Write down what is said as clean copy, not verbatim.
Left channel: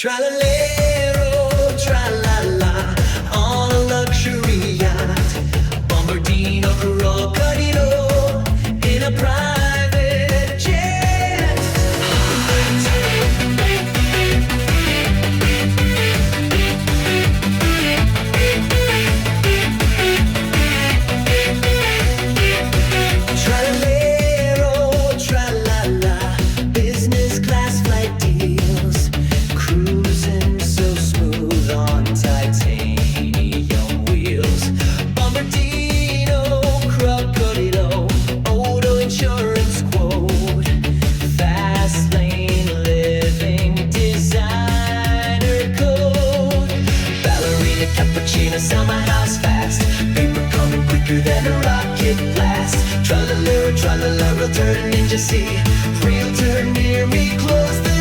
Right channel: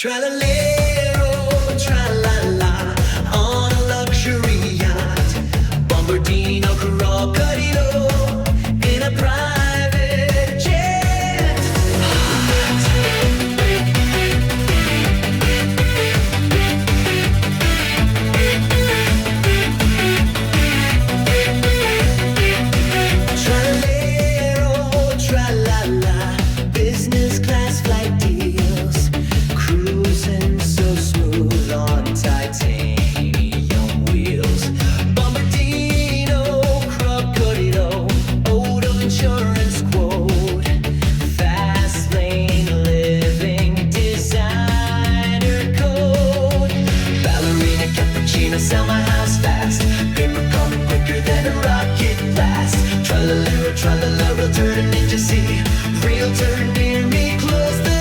Tralalero, tralala, on a luxury yacht. Bombardiro, Crocodilo, in a private jet. Hot. Tralalero, tralala, business class flight deals. Cruising so smooth on titanium wheels. Bombardino, Crocodilo, auto insurance quote. Fast lane living, designer code. Ballerina, Cappuccina, sell my house fast. Paper coming quicker than a rocket blast. Tralalero, tralala, Realtor to Ninja C. Realtor near me, close the